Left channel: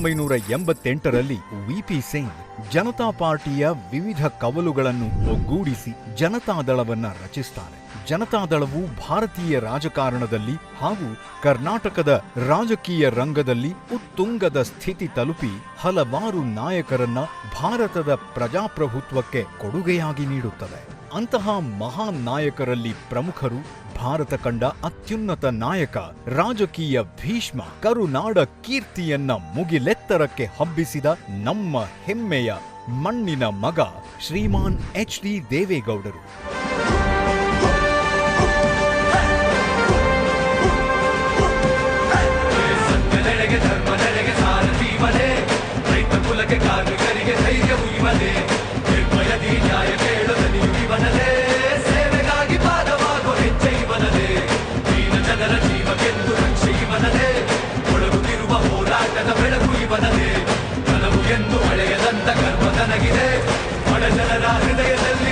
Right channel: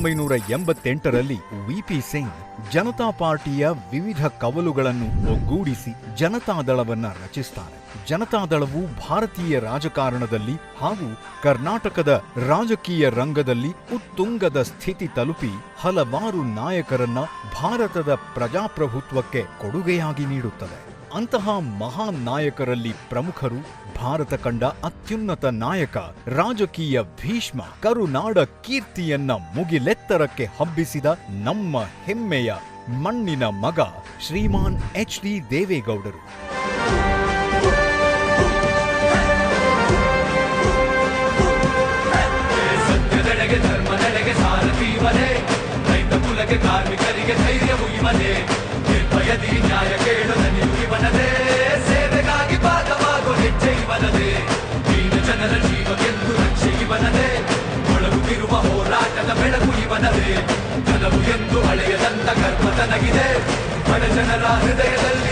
ಒಂಬೈನೂರ ಎಂಬತ್ತೆಂಟರಲ್ಲಿ ವಿಪಿ ಸಿಂಗ್ ಜನತಾ ಪಾರ್ಟಿಯ ವಿವಿಧ ಕವಲುಗಳನ್ನು ಒಗ್ಗೂಡಿಸಿ ಜನತಾದಳವನ್ನ ರಚಿಸ್ತಾರೆ. ಜನತಾದಳವು ಭಾರತೀಯ ರಾಜಕಾರಣದಲ್ಲಿ ಹಾಗೂ ಕರ್ನಾಟಕದ ರಾಜಕೀಯ ರಂಗದಲ್ಲಿ ಉತ್ತುಂಗದ ಸ್ಥಿತಿ ತಲುಪಿ ಹಲವಾರು ನಾಯಕರನ್ನ ಭಾರತದ ಪ್ರಜಾಪ್ರಭುತ್ವಕ್ಕೆ ಕೊಡುಗೆಯಾಗಿ ನೀಡುತ್ತದೆ. ಅಂತಹ ಮಹಾನ್ ನಾಯಕರಲ್ಲಿ ಪ್ರಮುಖರು ಭಾರತ ಕಂಡ ಅತ್ಯುನ್ನತ ನಾಯಕ, ರಾಜಕೀಯ ಭೀಷ್ಮ, ಕರುನಾಡ ಕೀರ್ತಿಯನ್ನ ಮುಗಿಲೆತ್ತರಕ್ಕೆ ಹಬ್ಬಿಸಿದ ನಮ್ಮ ಹೆಮ್ಮೆಯ ಮಣ್ಣಿನ ಮಗ ಶ್ರೀಮಾನ್ ಎಚ್ ಡಿ ದೇವೇಗೌಡರು. ಕಲ್ಪನವೇ ಕನವು ಎಂದು ಹಳೆಯದಂತ ಕರ್ಮ ತನಗಿದೆ ಹಡ ಜನರ ಹೃದಯದಲ್ಲಿ